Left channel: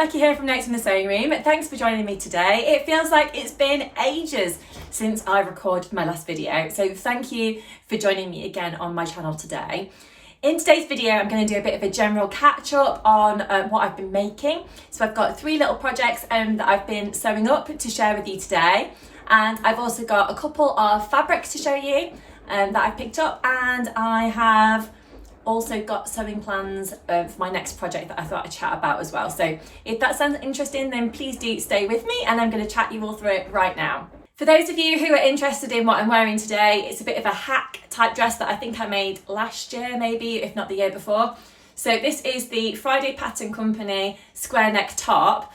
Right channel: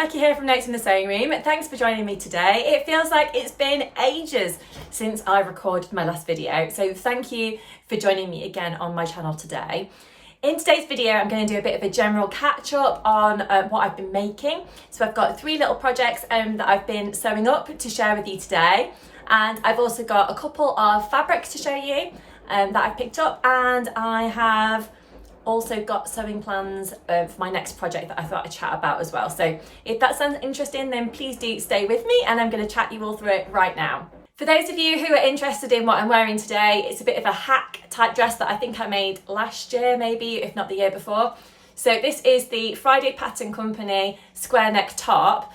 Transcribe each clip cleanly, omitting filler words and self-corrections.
Becky here from Notes in the Sewing Room. Thanks for joining me today. It feels like it's been ages since I recorded my last video, so thank you for joining me again on my channel today. In today's video, I'm going to do a bit of a general catch up on what I've been making. So I've got 3 little projects that I've been sewing up to share with you today. And I've also got a couple of fabrics to show you that I've picked up, and I have also got sewing plans for my next project that I thought I'd chat about as well. So if that sounds interesting, then please do stay with me and I'm going to chat you all through it right now. For those of you who are interested in what I'm wearing today, it's a bit of a hack type dress that I think I made last year, maybe, if not the year before. So this is the Friday Pattern Company square neck top,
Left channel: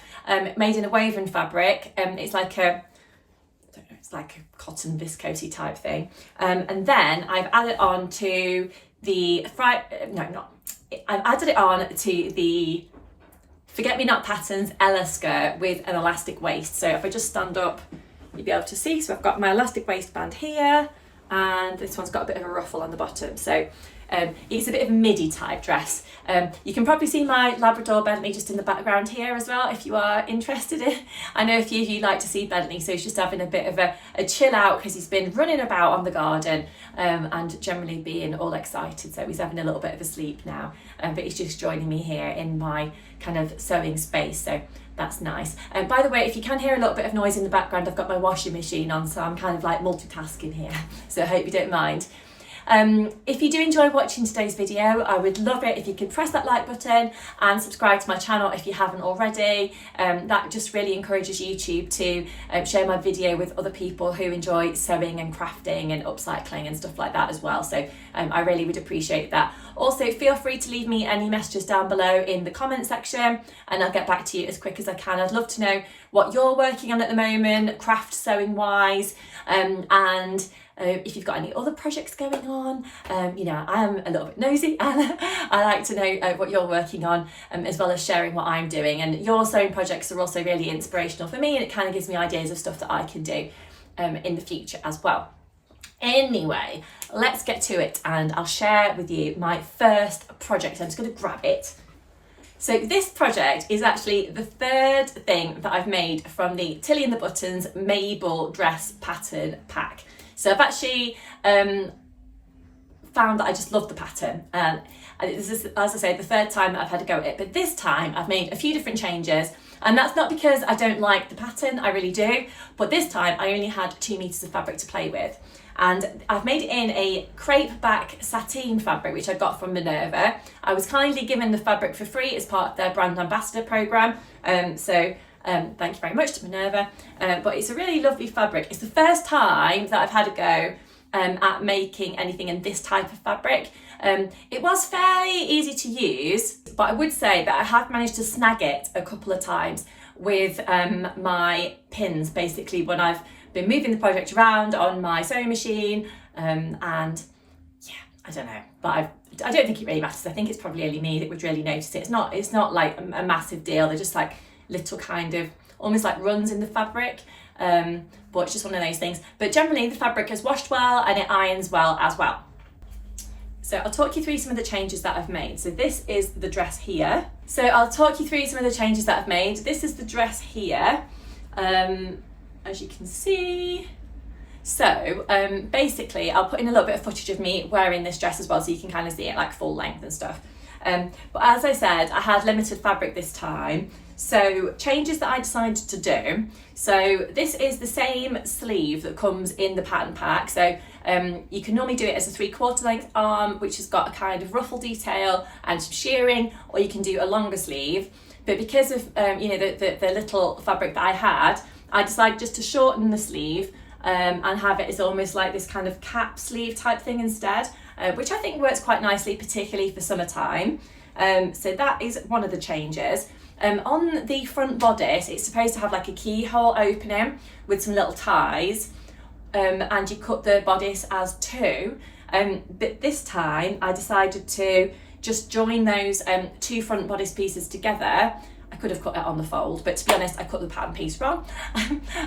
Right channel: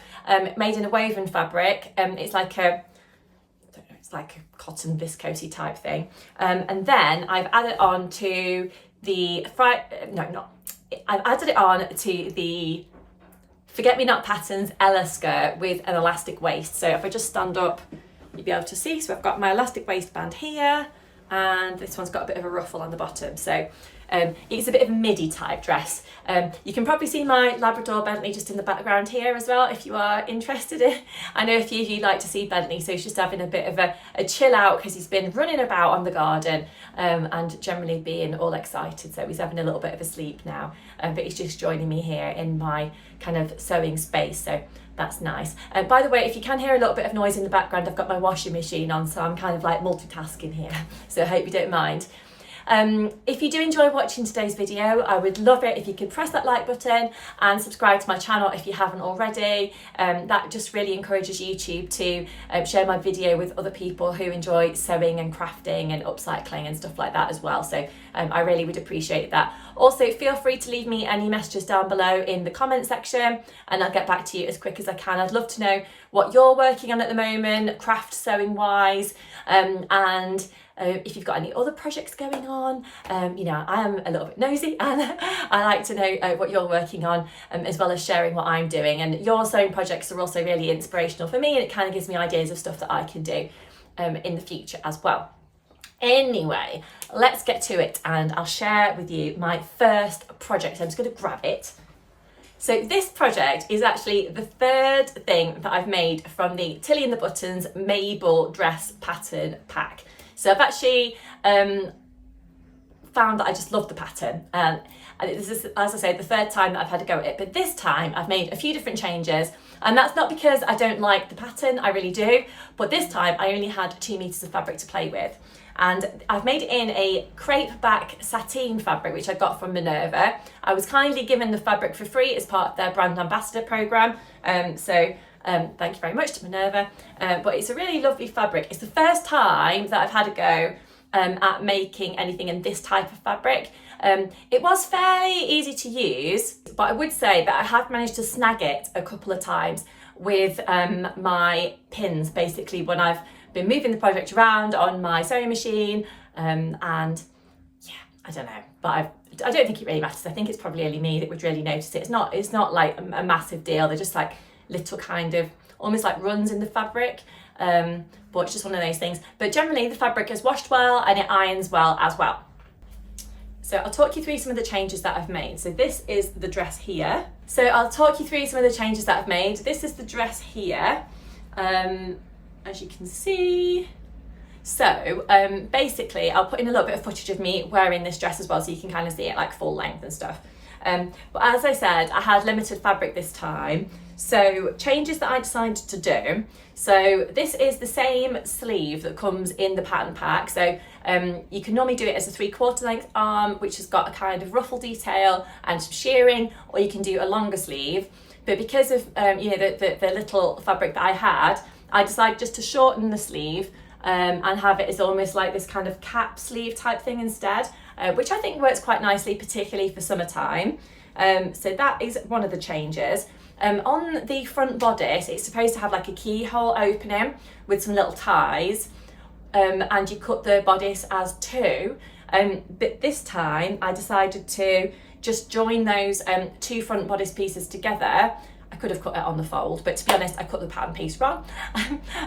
made in a woven fabric. It's like a cotton viscosey type thing. And then I've added on to the I've added it on to the Forget Me Not Patterns Ella skirt with an elastic waist. So if I just stand up, you'll be able to see. So I've got my elastic waistband here, and this one's got a bit of a ruffle on the bottom. So it's a bit of a midi type dress. You can probably see my Labrador Bentley just in the background here as well if you are interested in. I know a few of you like to see Bentley, so he's just having a bit of a chill out because he's been running about on the garden and generally being all excited. So he's having a little bit of a sleep now, but he's just joining me here in my kind of sewing space. So that's nice. By the way, if you can hear a little bit of noise in the background, I've got my washing machine on, so I'm kind of like multitasking here. So I hope you don't mind. If you do enjoy watching today's video, I would love it if you could press that like button and subscribe to my channel if you haven't already. That just really encourages YouTube to share my video with other people who enjoy sewing and crafting and upcycling and stuff like that as well. So I really would appreciate that. Also, feel free to leave me any messages down below in the comment section and I'll get back to you as quick as I can. I'd love to know what you're working on at the moment, craft sewing wise, and if you've got any other projects going on. You know, I am a little bit nosy and I like to know what you're working on, as well as sharing what I'm doing. And your sewing projects are also really inspirational for me, and it kind of gives me ideas of stuff that I can do in the future as well. Anyway, let's get to it and I'll share with you my first project. I'm just going to grab it. So this project is actually the 3rd thing that I've made from the Tilly and the Buttons Mabel dress pattern pack. So I've actually found that I just love the pattern, and this is, as I say, the 3rd time that I've had a go at it, but this time I've made a few different changes, and that's not because I don't like the pattern, I really do, but this time I only had 2 meters of fabric to play with, and I've made it in a crepe back sateen fabric which I got from Minerva. I was kindly given the fabric for free as part of their brand ambassador program, thank you very much to Minerva, but it's a really lovely fabric. It's the first time that I've had a go at making anything in this type of fabric. It was fairly easy to use, but I would say that I have managed to snag it a couple of times with my pins, basically when I've been moving the project around on my sewing machine, and yeah, I don't know, but I don't think it really matters. I think it's probably only me that would really notice it. It's not like a massive deal. They're just like little kind of almost like runs in the fabric, but it's just one of those things. But generally the fabric is washed well and it irons well as well. So I'll talk you through some of the changes that I've made. So this is the dress here. So I'll talk you through some of the changes that I've made. This is the dress here, as you can see. So basically I'll put in a little bit of footage of me wearing this dress as well, so you can kind of see it like full length and stuff. But as I said, I had limited fabric this time. So changes that I decided to do. So this is the same sleeve that comes in the pattern pack. So you can normally do it as a 3/4 length arm, which has got a kind of ruffle detail and some shirring, or you can do a longer sleeve. But because of you know, the little fabric that I had, I decided just to shorten the sleeve and have it as almost like this kind of cap sleeve type thing instead, which I think works quite nicely, particularly for summertime. So that is one of the changes. On the front bodice, it's supposed to have like a keyhole opening with some little ties, and you cut the bodice as 2. But this time I decided to just join those 2 front bodice pieces together. I could have cut it on the fold, but to be honest, I cut the pattern piece wrong.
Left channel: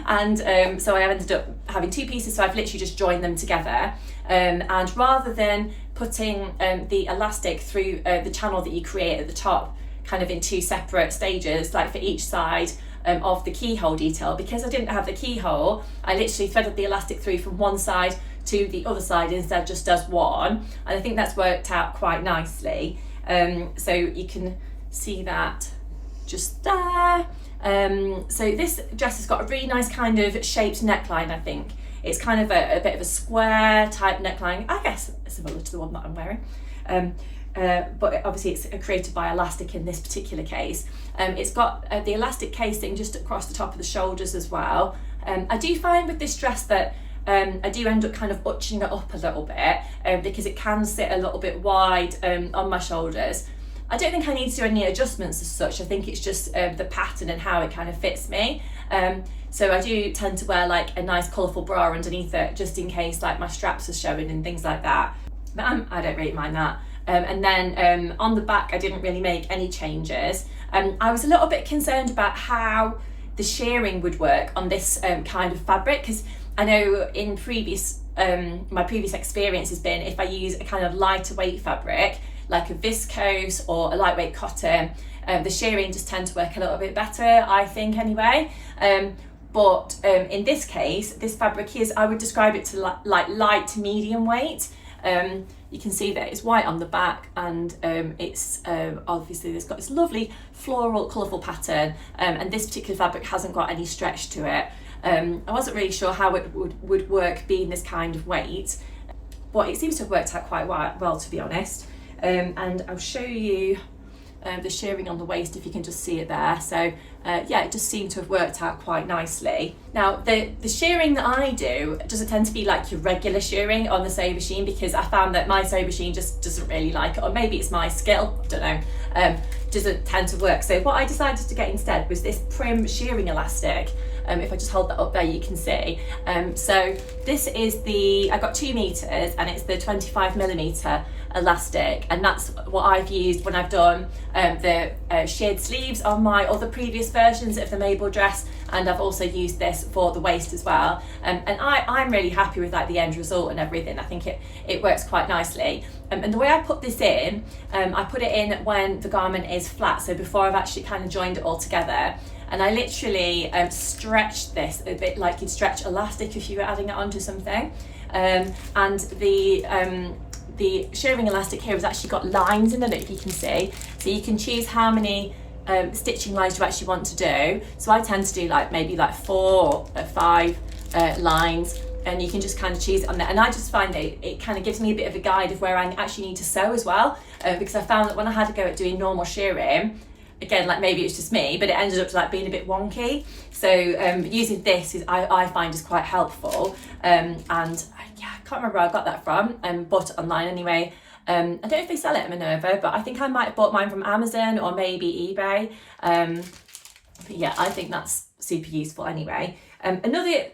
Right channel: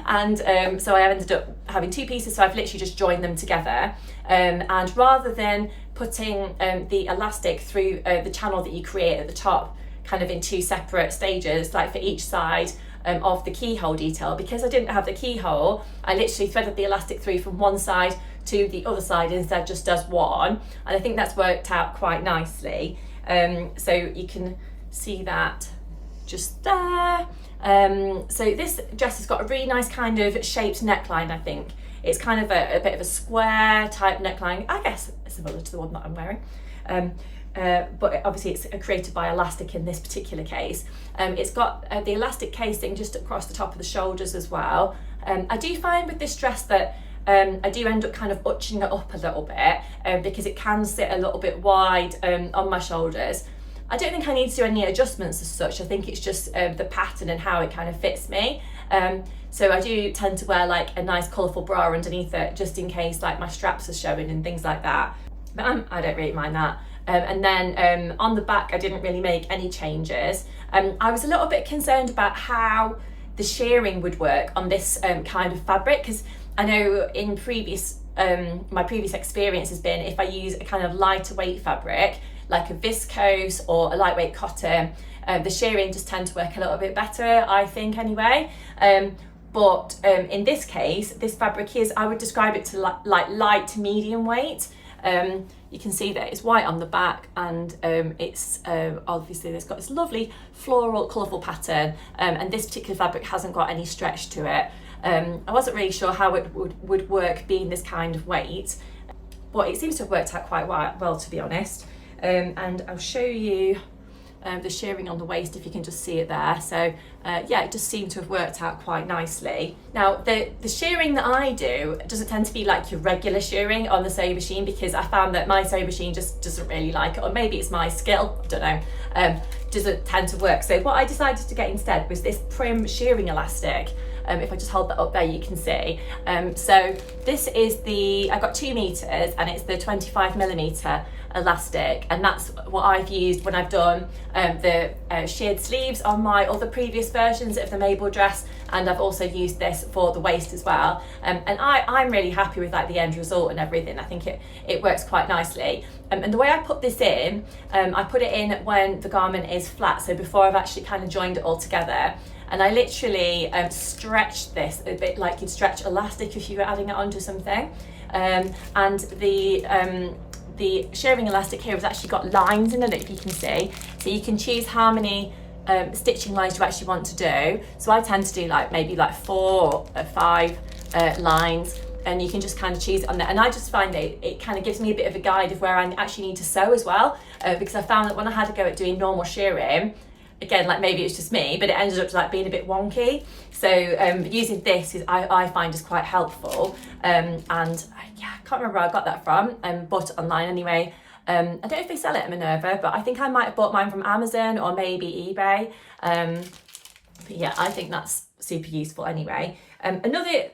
And so I ended up having 2 pieces, so I've literally just joined them together. And rather than putting the elastic through the channel that you create at the top, kind of in 2 separate stages, like for each side of the keyhole detail. Because I didn't have the keyhole, I literally threaded the elastic through from one side to the other side instead just does one, and I think that's worked out quite nicely. So you can see that just there. So this dress has got a really nice kind of shaped neckline. I think it's kind of a bit of a square type neckline, I guess similar to the one that I'm wearing, but obviously it's created by elastic in this particular case. It's got the elastic casing just across the top of the shoulders as well. I do find with this dress that I do end up kind of utching it up a little bit because it can sit a little bit wide on my shoulders. I don't think I need to do any adjustments as such. I think it's just the pattern and how it kind of fits me. So I do tend to wear like a nice colourful bra underneath it, just in case like my straps are showing and things like that. But I don't really mind that. And then on the back, I didn't really make any changes. I was a little bit concerned about how the shearing would work on this kind of fabric, because I know in my previous experience has been if I use a kind of lighter weight fabric, like a viscose or a lightweight cotton, the shearing just tends to work a little bit better, I think anyway. But in this case, this fabric is, I would describe it to like light to medium weight. You can see that it's white on the back, and it's obviously it's got this lovely floral colourful pattern, and this particular fabric hasn't got any stretch to it. I wasn't really sure how it would work being this kind of weight, but it seems to have worked out quite well, to be honest. And I'll show you the shearing on the waist if you can just see it there. So yeah, it just seemed to have worked out quite nicely. Now the shearing that I do doesn't tend to be like your regular shearing on the sewing machine, because I found that my sewing machine just doesn't really like it, or maybe it's my skill, I don't know, doesn't tend to work. So what I decided to get instead was this prim shearing elastic. If I just hold that up there, you can see. So this is I got 2 meters, and it's the 25mm elastic, and that's what I've used when I've done the sheared sleeves on my other previous versions of the Mabel dress, and I've also used this for the waist as well. And I'm really happy with like the end result and everything. I think it works quite nicely. And the way I put this in, I put it in when the garment is flat, so before I've actually kind of joined it all together. And I literally stretched this a bit like you'd stretch elastic if you were adding it onto something. And the shearing elastic here has actually got lines in it, if you can see. So you can choose how many stitching lines you actually want to do. So I tend to do like maybe like 4 or 5 lines, and you can just kind of choose it on there. And I just find it kind of gives me a bit of a guide of where I actually need to sew as well, because I found that when I had to go at doing normal shearing, again, like maybe it's just me, but it ended up like being a bit wonky. So using this I find is quite helpful. And yeah, I can't remember where I got that from, bought it online anyway. I don't know if they sell it at Minerva, but I think I might have bought mine from Amazon or maybe eBay. But yeah, I think that's super useful anyway. Another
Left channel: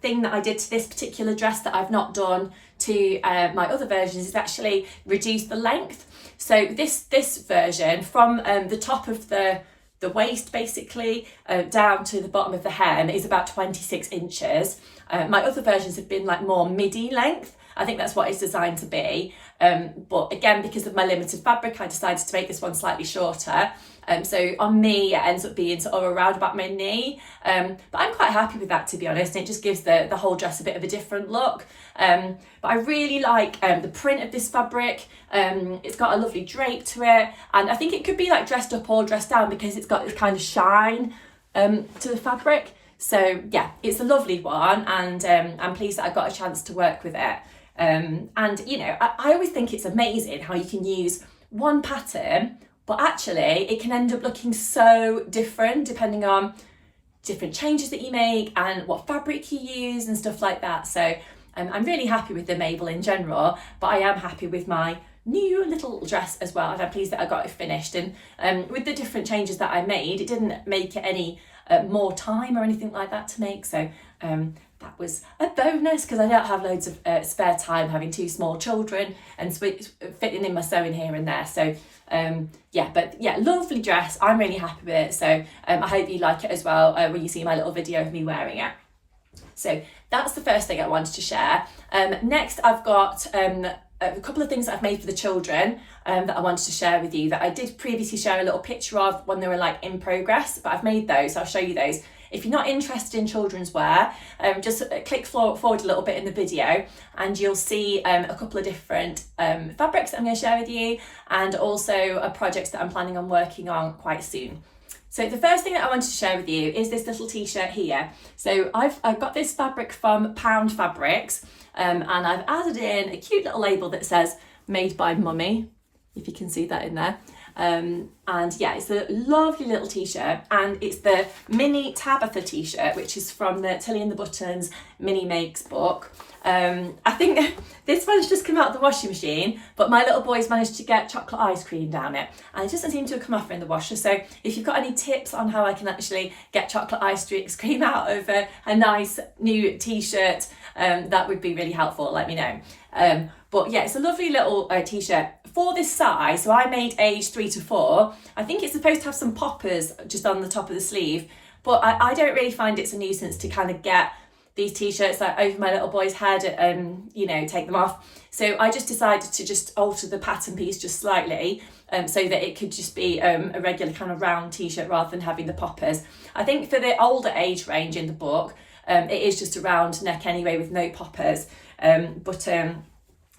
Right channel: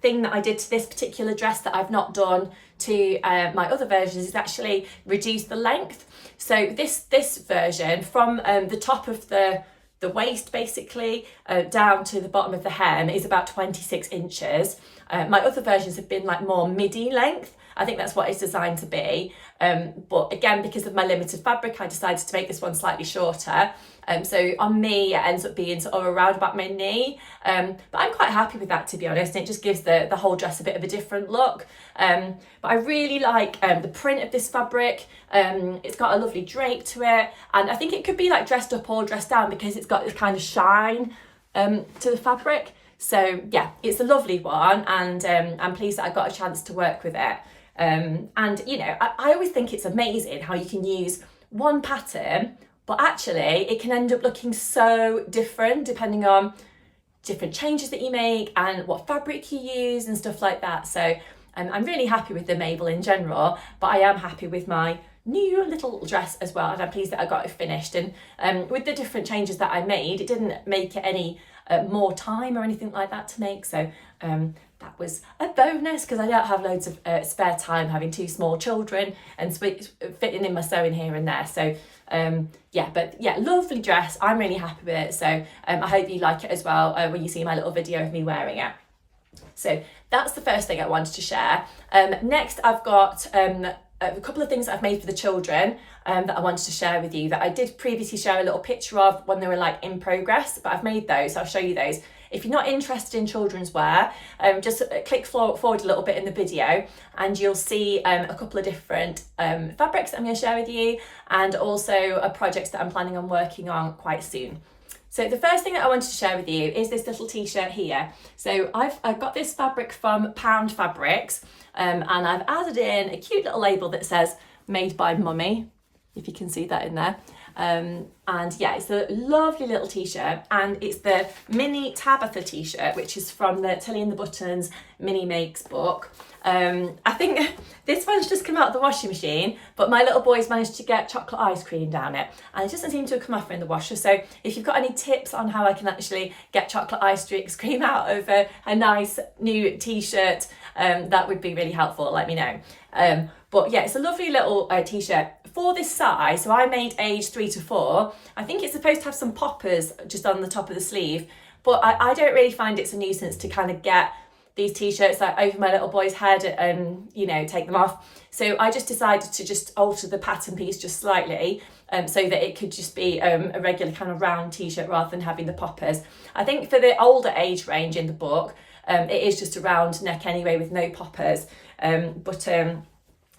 thing that I did to this particular dress that I've not done to my other versions is actually reduce the length. So this version from the top of the waist basically down to the bottom of the hem is about 26 inches. My other versions have been like more midi length. I think that's what it's designed to be. But again, because of my limited fabric, I decided to make this one slightly shorter. So on me, it ends up being sort of around about my knee. But I'm quite happy with that, to be honest. It just gives the whole dress a bit of a different look. But I really like the print of this fabric. It's got a lovely drape to it. And I think it could be like dressed up or dressed down because it's got this kind of shine to the fabric. So yeah, it's a lovely one, and I'm pleased that I got a chance to work with it. And you know, I always think it's amazing how you can use one pattern, but actually it can end up looking so different depending on different changes that you make and what fabric you use and stuff like that. So I'm really happy with the Mabel in general, but I am happy with my new little dress as well, and I'm pleased that I got it finished. And with the different changes that I made, it didn't make it any more time or anything like that to make, so that was a bonus because I don't have loads of spare time having 2 small children and fitting in my sewing here and there. So yeah, but yeah, lovely dress. I'm really happy with it, so I hope you like it as well when you see my little video of me wearing it. So that's the first thing I wanted to share. Next I've got a couple of things that I've made for the children that I wanted to share with you, that I did previously share a little picture of when they were like in progress, but I've made those, so I'll show you those. If you're not interested in children's wear, just click forward a little bit in the video and you'll see a couple of different fabrics that I'm going to share with you, and also projects that I'm planning on working on quite soon. So the first thing that I wanted to share with you is this little t-shirt here. So I've got this fabric from Pound Fabrics, and I've added in a cute little label that says made by Mummy, if you can see that in there. And yeah, it's a lovely little t-shirt, and it's the mini Tabitha t-shirt, which is from the Tilly and the Buttons mini makes book. I think this one's just come out of the washing machine, but my little boy's managed to get chocolate ice cream down it, and it doesn't seem to have come off in the washer. So if you've got any tips on how I can actually get chocolate ice cream out of a nice new t-shirt, that would be really helpful, let me know. But yeah, it's a lovely little t-shirt for this size. So I made age 3 to 4. I think it's supposed to have some poppers just on the top of the sleeve, but I don't really find it's a nuisance to kind of get these t-shirts like over my little boy's head and, you know, take them off. So I just decided to just alter the pattern piece just slightly, so that it could just be a regular kind of round t-shirt rather than having the poppers. I think for the older age range in the book, it is just a round neck anyway with no poppers.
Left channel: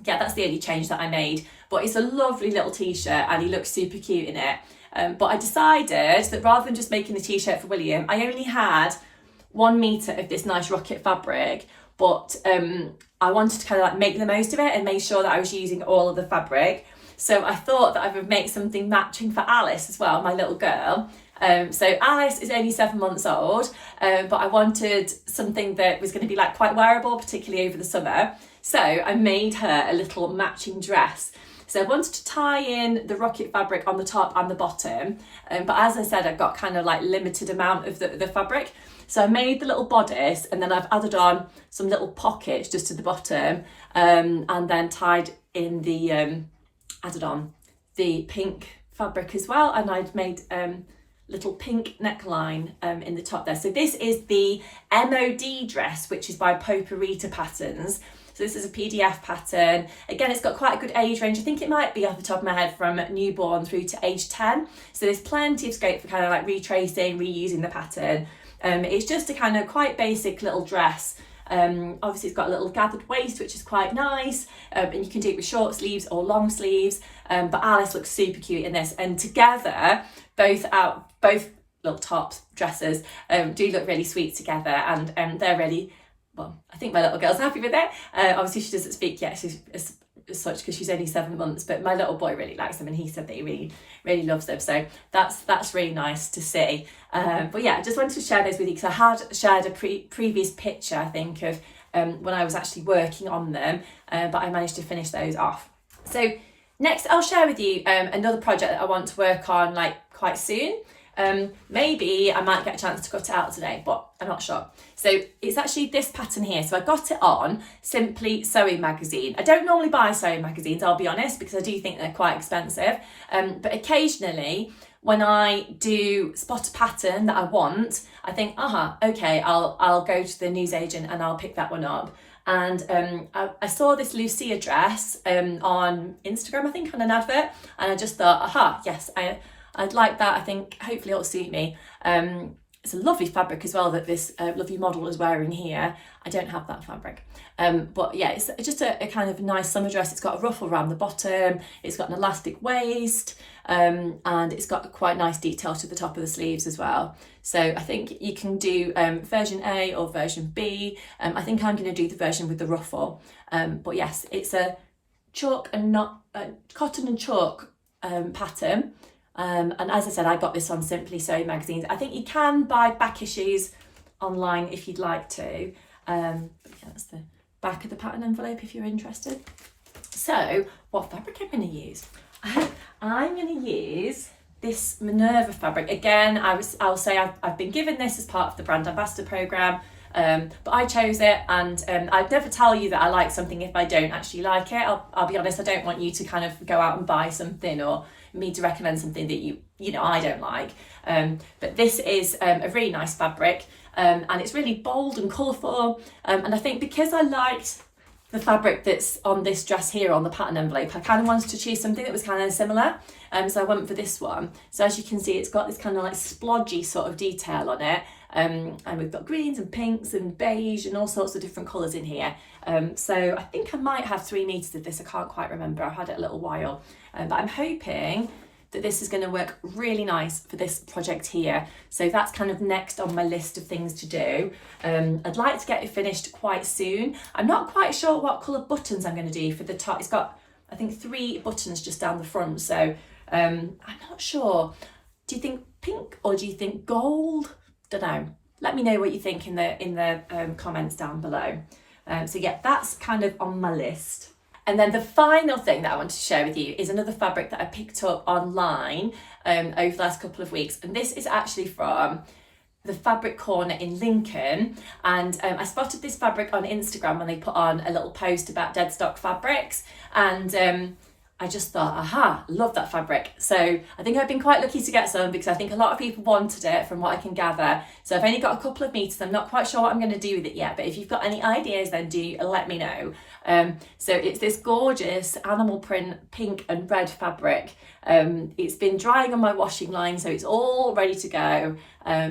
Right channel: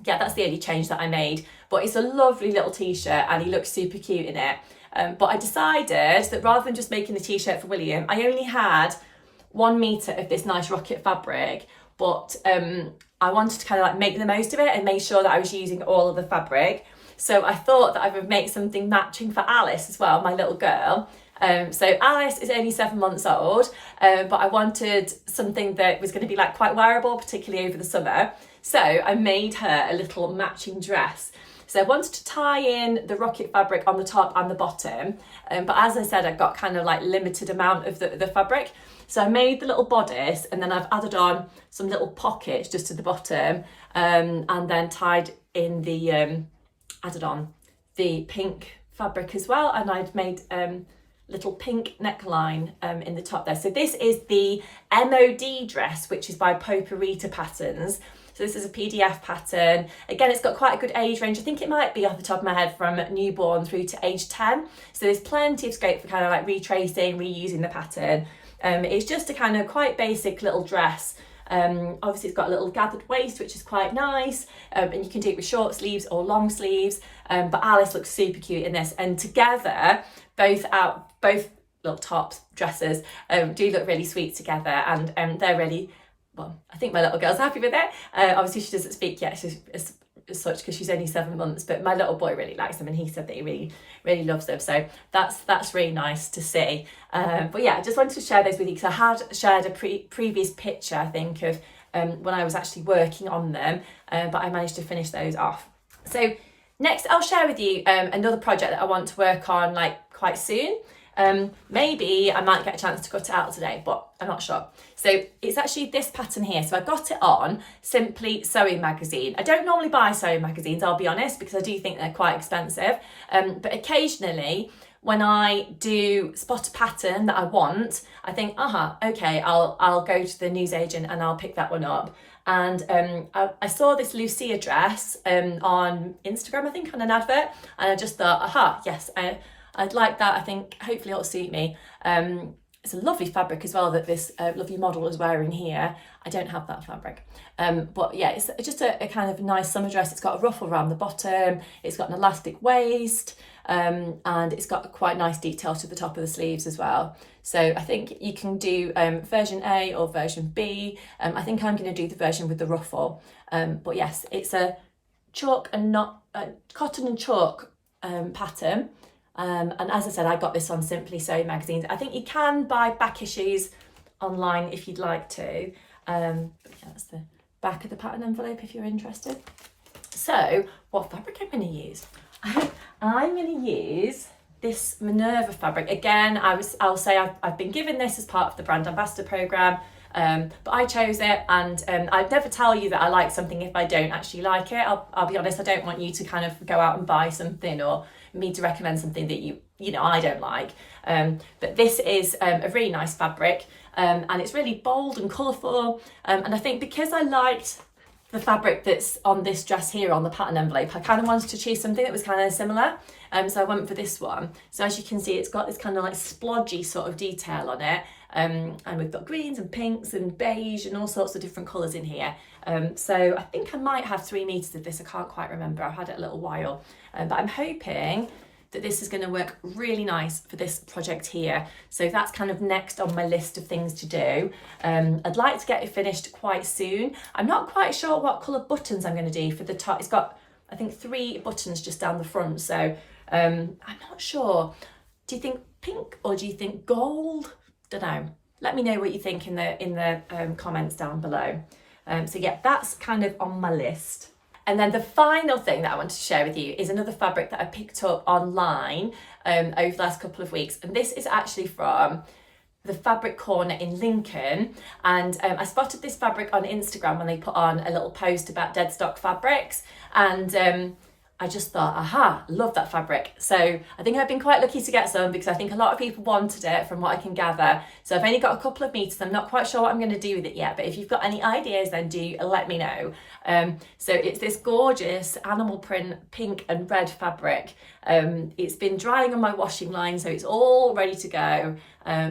Yeah, that's the only change that I made. But it's a lovely little t-shirt and he looks super cute in it. But I decided that rather than just making the t-shirt for William, I only had 1 metre of this nice rocket fabric, but I wanted to kind of like make the most of it and make sure that I was using all of the fabric. So I thought that I would make something matching for Alice as well, my little girl. So Alice is only 7 months old, but I wanted something that was going to be like quite wearable, particularly over the summer. So I made her a little matching dress. So I wanted to tie in the rocket fabric on the top and the bottom, but as I said, I've got kind of like limited amount of the fabric. So I made the little bodice, and then I've added on some little pockets just to the bottom, and then tied in the added on the pink fabric as well, and I've made little pink neckline in the top there. So this is the MOD dress, which is by Poparita Patterns. So this is a PDF pattern. Again, it's got quite a good age range. I think it might be off the top of my head from newborn through to age 10. So there's plenty of scope for kind of like retracing, reusing the pattern. It's just a kind of quite basic little dress. Obviously it's got a little gathered waist, which is quite nice, and you can do it with short sleeves or long sleeves, but Alice looks super cute in this, and together both little tops, dresses, do look really sweet together, and they're really, well, I think my little girl's happy with it. Obviously she doesn't speak yet as such because she's only 7 months, but my little boy really likes them and he said that he really loves them, so that's really nice to see. But yeah, I just wanted to share those with you because I had shared a previous picture, I think, of when I was actually working on them, but I managed to finish those off. So next I'll share with you another project that I want to work on like quite soon. Maybe I might get a chance to cut it out today, but I'm not sure. So it's actually this pattern here. So I got it on Simply Sewing magazine. I don't normally buy sewing magazines, I'll be honest, because I do think they're quite expensive. But occasionally when I do spot a pattern that I want, I think, okay, I'll go to the newsagent and I'll pick that one up. And I saw this Lucia dress on Instagram, I think, on an advert, and I just thought, yes, I'd like that. I think hopefully it'll suit me. It's a lovely fabric as well that this lovely model is wearing here. I don't have that fabric. But yeah, it's just a kind of nice summer dress. It's got a ruffle around the bottom. It's got an elastic waist, and it's got quite nice detail to the top of the sleeves as well. So I think you can do version A or version B. I think I'm going to do the version with the ruffle. But yes, it's a chalk and not cotton and chalk pattern. And as I said, I got this on Simply Sewing magazines. I think you can buy back issues online if you'd like to. But yeah, that's the back of the pattern envelope if you're interested. So what fabric I'm going to use? I'm going to use this Minerva fabric. Again, I'll say I've been given this as part of the brand ambassador program, but I chose it, and I'd never tell you that I like something if I don't actually like it. I'll be honest, I don't want you to kind of go out and buy something or me to recommend something that you know I don't like. But this is a really nice fabric, and it's really bold and colourful, and I think because I liked the fabric that's on this dress here on the pattern envelope. I kind of wanted to choose something that was kind of similar, so I went for this one. So as you can see, it's got this kind of like splodgy sort of detail on it, and we've got greens and pinks and beige and all sorts of different colours in here. So I think I might have 3 meters of this. I can't quite remember, I've had it a little while, but I'm hoping that this is going to work really nice for this project here. So that's kind of next on my list of things to do. I'd like to get it finished quite soon. I'm not quite sure what colour buttons I'm going to do for the top. It's got, I think, 3 buttons just down the front, so I'm not sure. Do you think pink or do you think gold? Don't know. Let me know what you think in the comments down below. So yeah, that's kind of on my list. And then the final thing that I wanted to share with you is another fabric that I picked up online over the last couple of weeks. And this is actually from the Fabric Corner in Lincoln. And I spotted this fabric on Instagram when they put on a little post about dead stock fabrics. And I just thought, aha, love that fabric. So I think I've been quite lucky to get some because I think a lot of people wanted it from what I can gather. So I've only got a couple of meters. I'm not quite sure what I'm going to do with it yet, but if you've got any ideas, then do let me know. So it's this gorgeous animal print pink and red fabric. It's been drying on my washing line, so it's all ready to go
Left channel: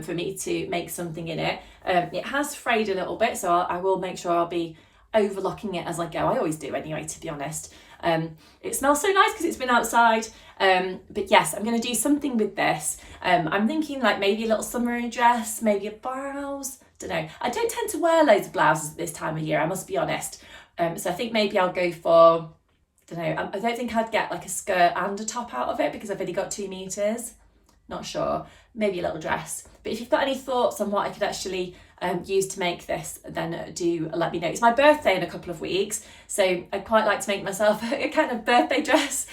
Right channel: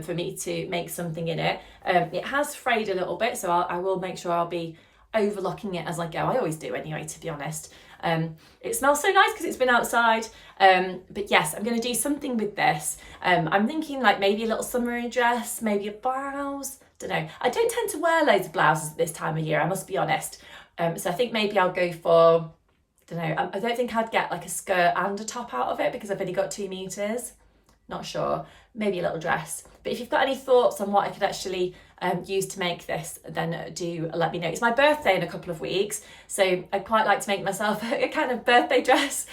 for me to make something in it. It has frayed a little bit, so I will make sure I'll be overlocking it as I go. I always do anyway, to be honest. It smells so nice because it's been outside, but yes, I'm going to do something with this. I'm thinking like maybe a little summery dress, maybe a blouse, don't know. I don't tend to wear loads of blouses at this time of year, I must be honest, so I think maybe I'll go for, don't know, I don't think I'd get like a skirt and a top out of it because I've only got 2 meters, not sure, maybe a little dress. But if you've got any thoughts on what I could actually use to make this, then do let me know. It's my birthday in a couple of weeks, so I'd quite like to make myself a kind of birthday dress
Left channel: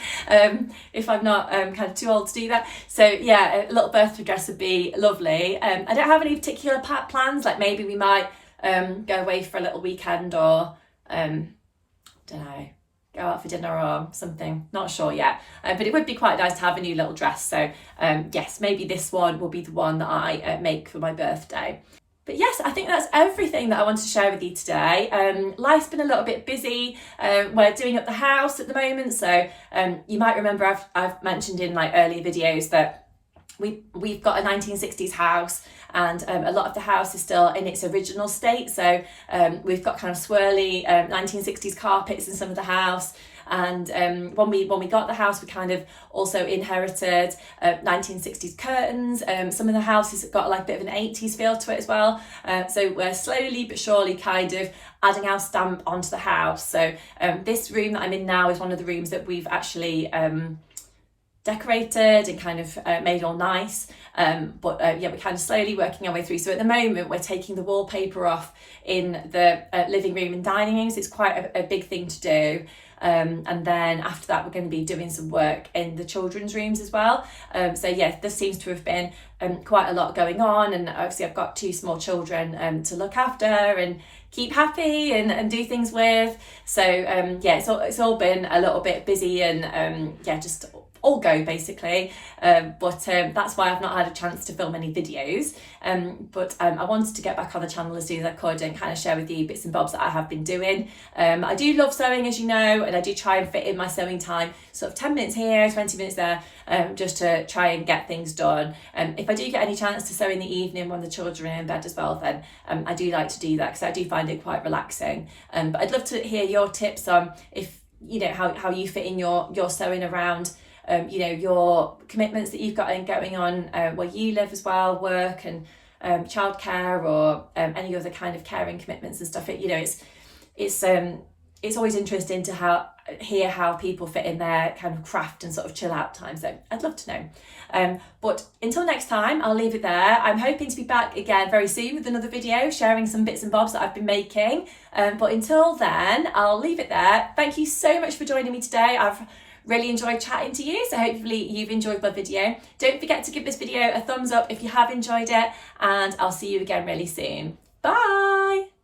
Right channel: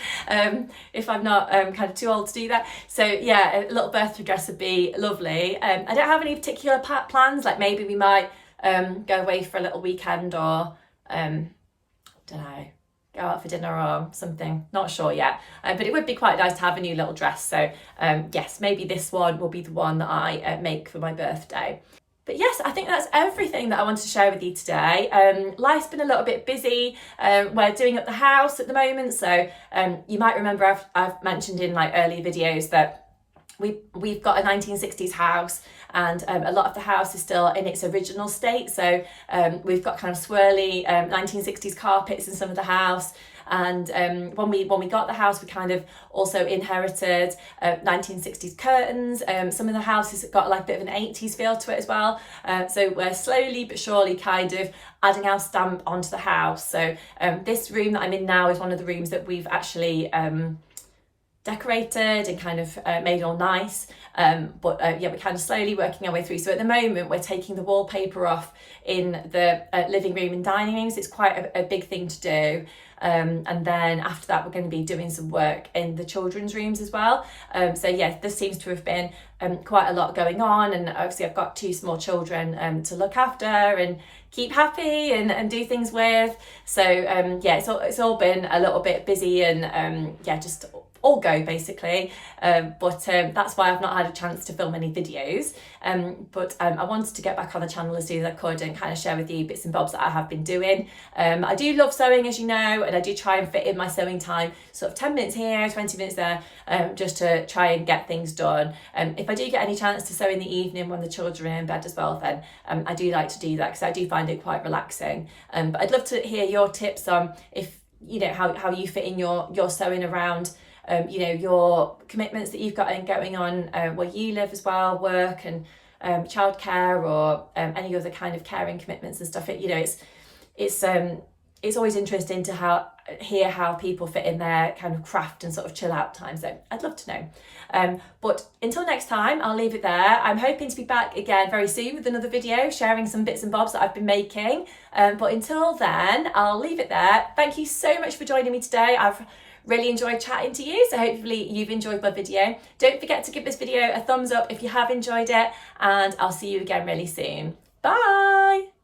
if I'm not kind of too old to do that. So yeah, a little birthday dress would be lovely. I don't have any particular plans, like maybe we might go away for a little weekend or don't know, go out for dinner or something, not sure yet, but it would be quite nice to have a new little dress. So yes, maybe this one will be the one that I make for my birthday. But yes, I think that's everything that I wanted to share with you today. Life's been a little bit busy. We're doing up the house at the moment, so you might remember I've mentioned in like earlier videos that we've got a 1960s house, and a lot of the house is still in its original state. So we've got kind of swirly 1960s carpets in some of the house. And when we got the house, we kind of also inherited 1960s curtains. Some of the houses got like a bit of an 80s feel to it as well. So we're slowly but surely kind of adding our stamp onto the house. So this room that I'm in now is one of the rooms that we've actually decorated and kind of made all nice. But yeah, we're kind of slowly working our way through. So at the moment, we're taking the wallpaper off in the living room and dining rooms. It's quite a big thing to do. And then after that, we're going to be doing some work in the children's rooms as well. So yeah, there seems to have been quite a lot going on, and obviously I've got 2 small children to look after and keep happy and do things with. So yeah, it's all been a little bit busy and yeah, just all go basically, but that's why I've not had a chance to film any videos, but I wanted to get back on the channel as soon as I could and kind of share with you bits and bobs that I have been doing. I do love sewing, as you know, and I do try and fit in my sewing time, sort of 10 minutes here, 20 minutes there, just to try and get things done. If I do get any chance to sew in the evening when the children are in bed as well, then I do like to do that because I do find it quite relaxing. But I'd love to hear your tips on if, you know, how you fit in your sewing around you know, your commitments that you've got going on where you live as well, work and childcare or any other kind of caring commitments and stuff. You know, it's always interesting to hear how people fit in their kind of craft and sort of chill out time. So I'd love to know. But until next time, I'll leave it there. I'm hoping to be back again very soon with another video sharing some bits and bobs that I've been making. But until then, I'll leave it there. Thank you so much for joining me today. I've really enjoyed chatting to you, so hopefully you've enjoyed my video. Don't forget to give this video a thumbs up if you have enjoyed it, and I'll see you again really soon. Bye!